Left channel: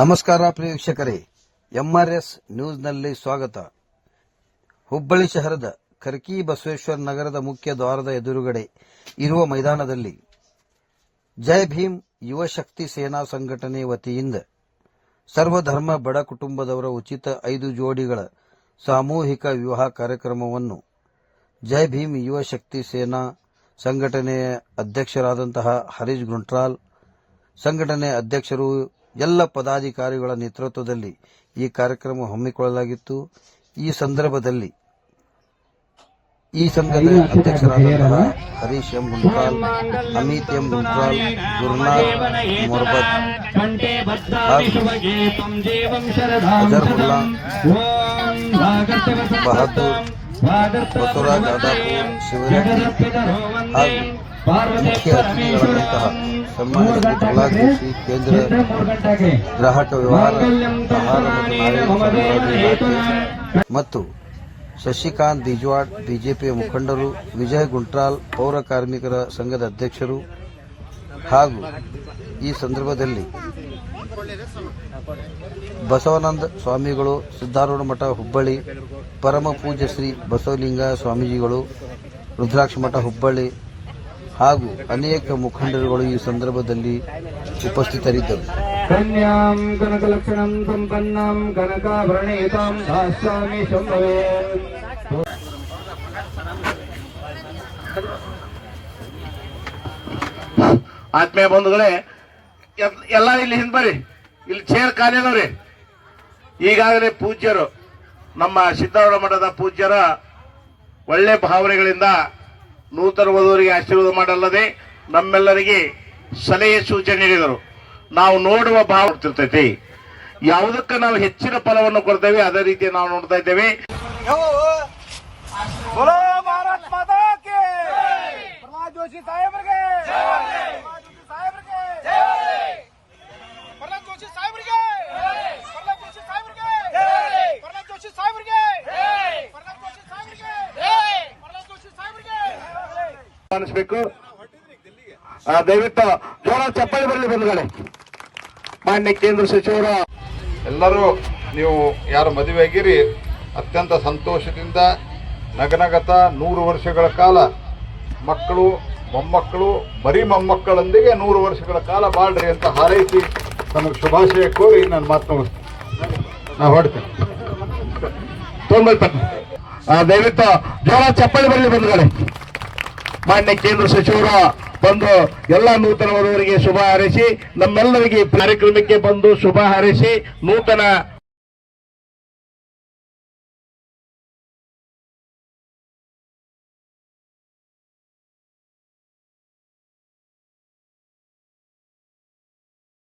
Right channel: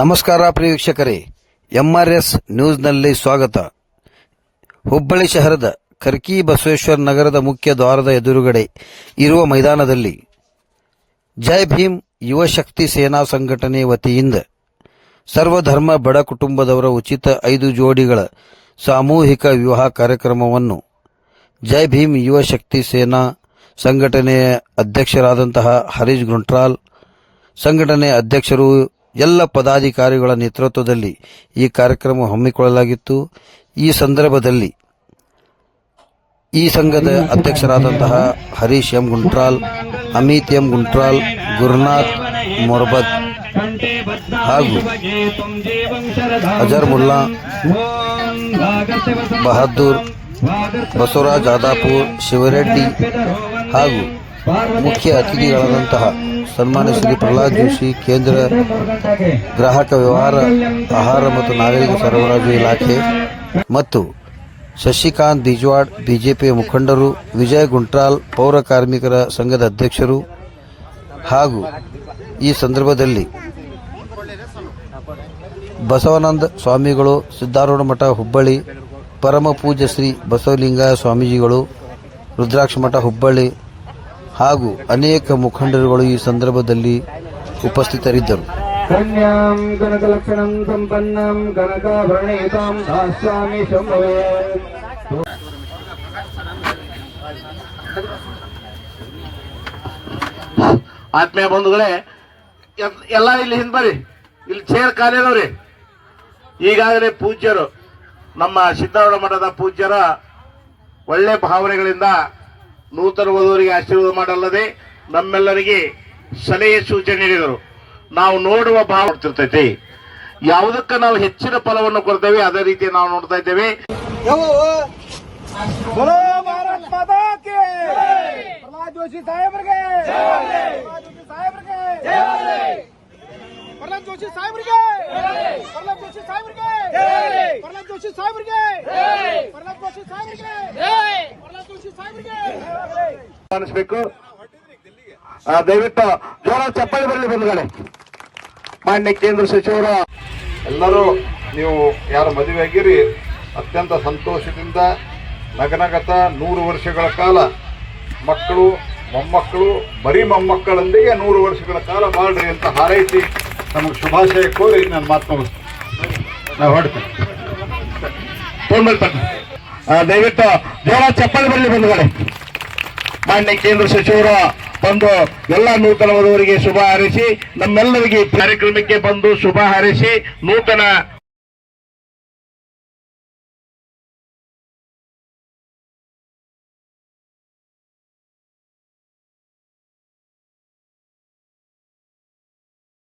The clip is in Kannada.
ನಮಸ್ಕಾರ ಪ್ರಿಯ ವೀಕ್ಷಕರೇ. ಎಂಆರ್ಎಸ್ ನ್ಯೂಸ್ನಲ್ಲಿ ಸ್ವಾಗತ. ಹುಬ್ಬಳ್ಳಿ ಶಹರದ ಕರ್ಕಿ ಬಸವೇಶ್ವರ ನಗರದ ಮುಖ್ಯ ದ್ವಾರದ ಎದುರುಗಡೆ ಇರುವ ಮೈದಾನದಲ್ಲಿ ಜೈ ಭೀಮ್ ಯುವ ಶಕ್ತಿ ಸೇನಾ ಸಂಘಟನೆ ವತಿಯಿಂದ ಸರ್ವಧರ್ಮ ಬಡ ಕುಟುಂಬದವರ ಉಚಿತ ಐದು ಜೋಡಿಗಳ ಸಾಮೂಹಿಕ ವಿವಾಹ ಕಾರ್ಯಕ್ರಮವನ್ನು ಜೈ ಭೀಮ್ ಯುವ ಶಕ್ತಿ ಸೇನಾ ಸಂಘಟನೆಯ ಅಧ್ಯಕ್ಷರಾದಂತಹ ಹರೀಶ್ ಗುಂಟ್ರಾಲ್, ಸಂಘಟನೆ ಅಧ್ಯಕ್ಷರು ಎಲ್ಲ ಪದಾಧಿಕಾರಿಗಳ ನೇತೃತ್ವದಲ್ಲಿ ಈ ಕಾರ್ಯಕ್ರಮ ಹಮ್ಮಿಕೊಳ್ಳಲಾಗಿತ್ತು. ಈ ಸಂದರ್ಭದಲ್ಲಿ ಈ ಸಂಘದ ಅಧ್ಯಕ್ಷರಾದಂತಹ ಹರೀಶ್ ಎಂ ಗುಂಟ್ರಾಲ್, ಅಮಿತ್ ಎಂ ಗುಂಟ್ರಾಲ್, ಗುರುನಾಥ್ ಮೊರ್ಬತ್ ಹಾಗೂ ಅಜರ್ ಮುಲ್ಲಾ, ಬಹದ್ದೂರ್, ಬಸವರಾಜ್ ಆದಾಪುರ್, ಶಿವರೆಡ್ಡಿ ಹಾಗೂ ಮುಖ್ಯ ಅತಿಥಿಗಳಾದಂತಹ ಸನ್ಮಾನ್ಯ ಶ್ರೀ ಪ್ರಹ್ಲಾದ್ ಜೋಶಿ, ಕೇಂದ್ರ ಗ್ರಾಹಕ ವ್ಯವಹಾರ, ಆಹಾರ ಮತ್ತು ನಾಗರಿಕ ಸರಬರಾಜು ಇಲಾಖೆ ಮತ್ತು ಶಶಿಕಾಂತ್ ಬಿಜ್ವಾಡ್ ಬಿಜೆಪಿ ಮುಖಂಡರು, ವಿಜಯ್ ಗುಂಟ್ರಾಲ್, ಪೌರ ಕಾರ್ಮಿಕರ ಸಂಘದ ಅಧ್ಯಕ್ಷರು ಹಾಗೂ ಈ ಸಂದರ್ಭದಲ್ಲಿ ಬಸವಾನಂದ ಸ್ವಾಮಿಗಳು, ಸಿದ್ದಾರೂಢ ಮಠ ಹುಬ್ಬಳ್ಳಿ ಪರಮ ಪೂಜ್ಯ ಶ್ರೀ ಬಸವಲಿಂಗ ಸ್ವಾಮೀಜಿಗಳು, ರುದ್ರಾಕ್ಷ ಮಠ ಹುಬ್ಬಳ್ಳಿ ಹಾಗೂ ಅನೇಕ ಮುಖಂಡರುಗಳು ಈ ಸಂದರ್ಭದಲ್ಲಿ ಉಪಸ್ಥಿತರಿದ್ದರು. ಕನ್ಯಾಂ ಕನಕಲಕ್ಷಣಂ ಸಂಪನ್ನಂ ಕನಕಾಭರಣೇತಾಂ ದಾಸ್ಯಾಮಿ ಶಂಭವೇ. ಆತ್ಮೀಯ ಬಂಧುಗಳೇ ಎಲ್- ಎಲ್ಲ ಇಲ್ಲಿ ಹಿಂದ್ ಬರ್ರಿ. ಇಲ್ಲಿ ಚೇರ್ ಕಾಲೇನವ್ರಿ ಈಗಾಗಲೇ ಪೂಜ್ಯರು ನಮ್ಮ ಸಿದ್ದಾರೂಢ ಮಠದ ಪೂಜ್ಯರ ಒಳ್ಳೆ ಭಾವನೆಗಳಿಂದ ನೂತನ ವಧುವರಿಗೆ ಆಶೀರ್ವಾದ ಮಾಡಲ್ಲದೆ ನಮ್ಮೆಲ್ಲರಿಗೆ ಸಲಹೆ ಸೂಚನೆ ನೀಡಿದರು. ನಾವು ನೋಡುವ ಭಾವ ಕೊಡ್ತಿರ್ತೈತಿ ಯಾವುದಕ್ಕೆ ನಾವು ಹೆಚ್ಚಿನ ಫಲವನ್ನು ಕೊಡ್ತೇವೆ, ಅದೇ ರೀತಿ ನಾವು ನೋಡ್ತಾ ಇದ್ದೇವೆ. ಜೋಶಿ ಜೋಶಿ ಜೋಶಿ ಆ, ದಯವಿಟ್ಟು ಜೋರ ಚಪ್ಪಲಿ ಬರಲಿ ಬಂದ್ಗಡೆ ಮಾನ್ಯ ಕೇಂದ್ರ ಸಚಿವರ. ಎಲ್ಲರೂ ನೀವು ಯಾರು ಮದುವೆ ಆಗಿರಿ ಅತ್ಯಂತ ಸಂತೋಷದಿಂದ ನಗನಗತ ನೂರು ವರ್ಷಗಳ ಕಾಲ ಮಕ್ಕಳು ಮೊಮ್ಮಕ್ಕಳು ಬರೀ ಮೊಮ್ಮಕ್ಕಳೊಂದಿಗೆ ನೂರು ವರ್ಷಗಳ ಕಾಲ ಬಾಳ್ರಿ ಅಂತ ಹಾರೈಸಿ ನಮಗೆ ಶುಭಾಶಯ ಕೋರಿ ನನ್ನ ಮಾತು ನಾವು ಹೊಡ್ತೇನೆ ದಯವಿಟ್ಟು ಜೋರ ಚಪ್ಪಲಿ ಬರಲಿ ಬಂಧುಗಳೇ. ಮಾನ್ಯ ಕೇಂದ್ರ ಸಚಿವರ ಬಂದು ಎಲ್ಲ ನೂತನ ವಧುವರಿಗೆ ಶುಭ ಹಾರೈಸಿ, ನಮ್ಮೆಲ್ಲರಿಗೆ ಕಾರ್ಯಕ್ರಮಕ್ಕೆ ಬಂದು ಶುಭ ಹಾರೈಸಿ, ನೂತನ